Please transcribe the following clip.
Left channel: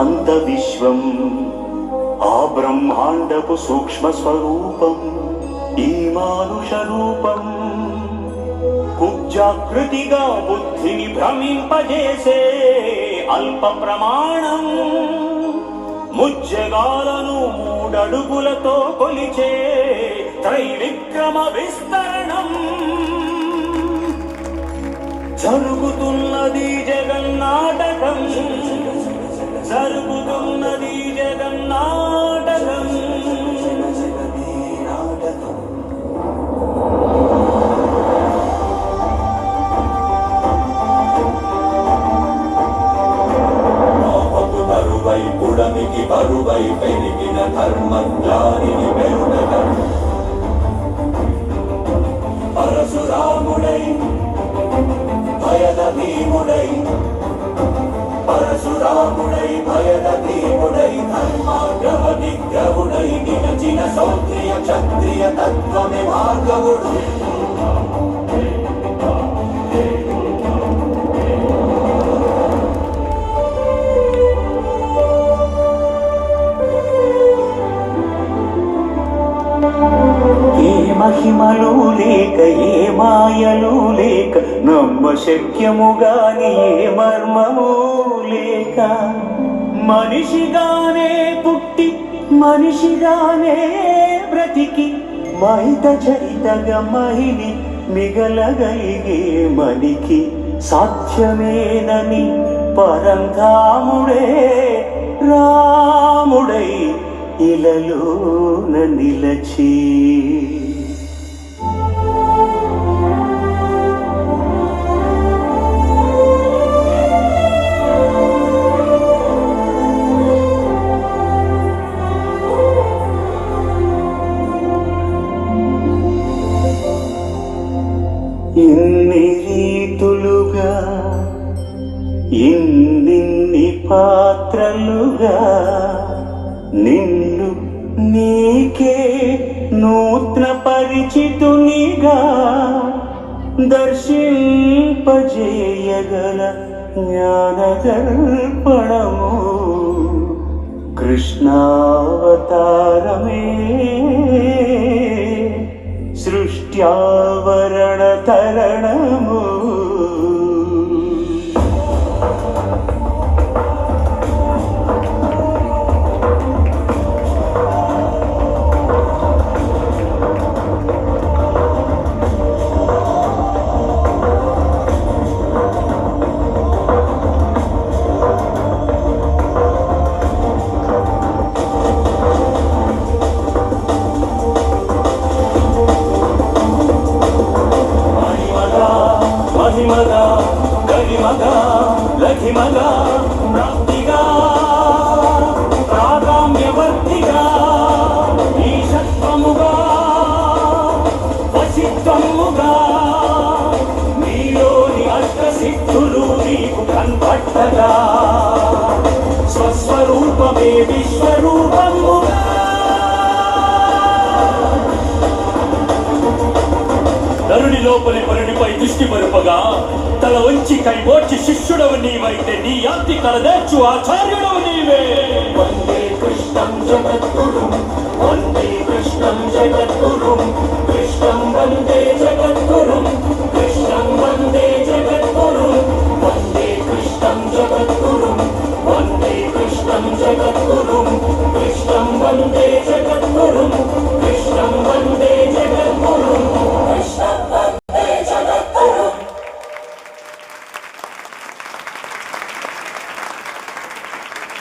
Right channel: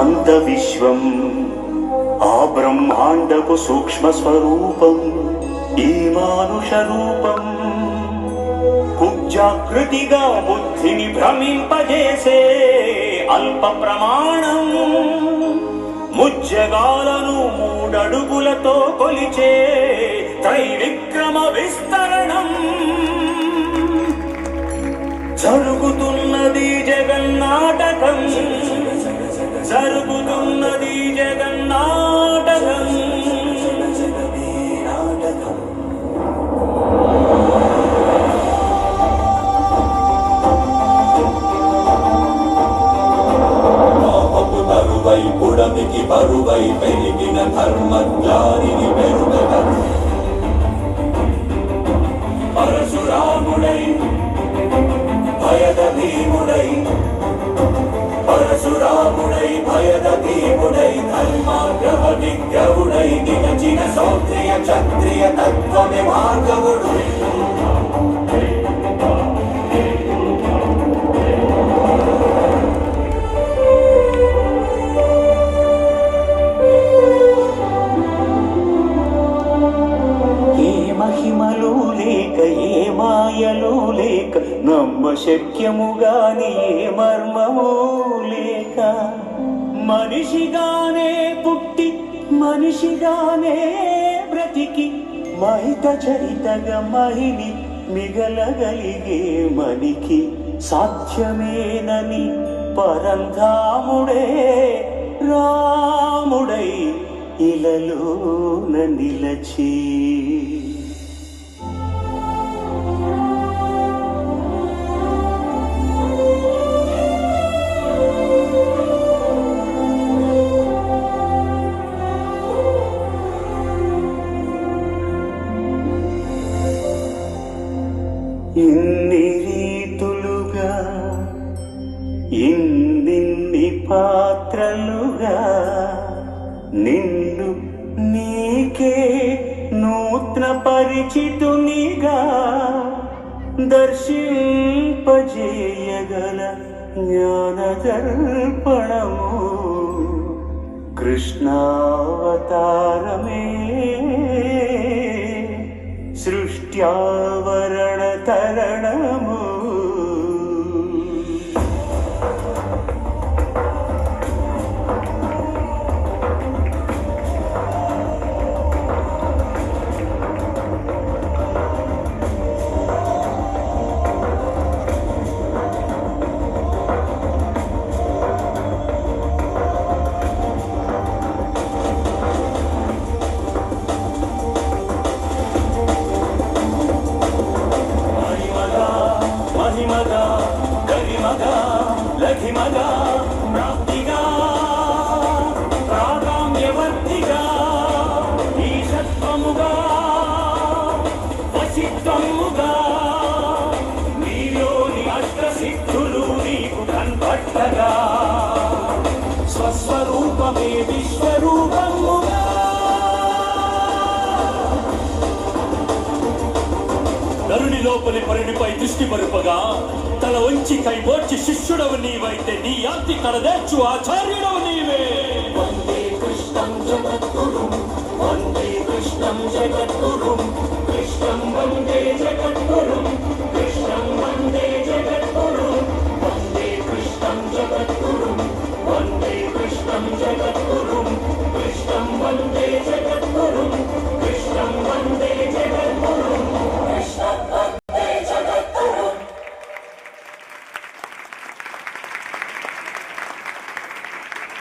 అనంత విశ్వం ఆ బ్రహ్మాండపు సూక్ష్మ స్వరూపం ఈ మానుష రూపం కుబ్జాకృతిగా బుద్ధిని భ్రమింపజేసే అల్ప ప్రమాణం ముజ్జగాలను మూడడుగులతో కొలిచే త్రైవిక్రమ విస్తరణం జరుగుతున్నది జగన్నాటకం జరుగుతున్నది జగన్నాటకం బరువై పుడమికి బరువై పెరిగిన ధర్మజ్ఞానిని పెరుగట పరశురాముడై భయద భీముడై పరశురాముడై భయద భీముడై ధర్మాగ్రహ విగ్రహుడై నిలచిన సౌత్రియ క్షత్రియ తత్వమే భార్గవుడు మహిమలు లేక ఏ మాయలు లేక నమ్మ శక్యముగాని ఏ మర్మము లేక మనిషిగానే పుట్టి మనిషిగానే బ్రతికి మహిత చరితగా మహిళి మిగలగలిగే మనికి సాధ్యమేనని పరంధాముడే రాముడై ఇలలోన నిలచి ఇన్ని రీతులుగా ఇన్నిన్ని పాత్రలుగా నిన్ను నీకే నూత్న పరిచితునిగా దర్శింపజేయగల జ్ఞానదర్పణము కృష్ణావతారమే సృష్ట్యావరణ తరణము లఘిమగా ప్రాప్తిగా ప్రాగామ్యవర్తిగా ఈశత్వముగా వశిత్వముగా నీలోని అష్టసిద్ధులు నీకు కన్పట్టగా స్వస్వరూపమే విశ్వరూపముగా నరుని లోపలి పరునిపై దృష్టి మరుపగా తల వంచి కైమోర్చి శిష్యుడవు నీవైతే నీ యాంతి కలదేర్చు ఆచార్యుడవు నీవే వందే కృష్ణం జగద్గురుం వందే కృష్ణం జగద్గురుం కృష్ణం వందే జగద్గురుం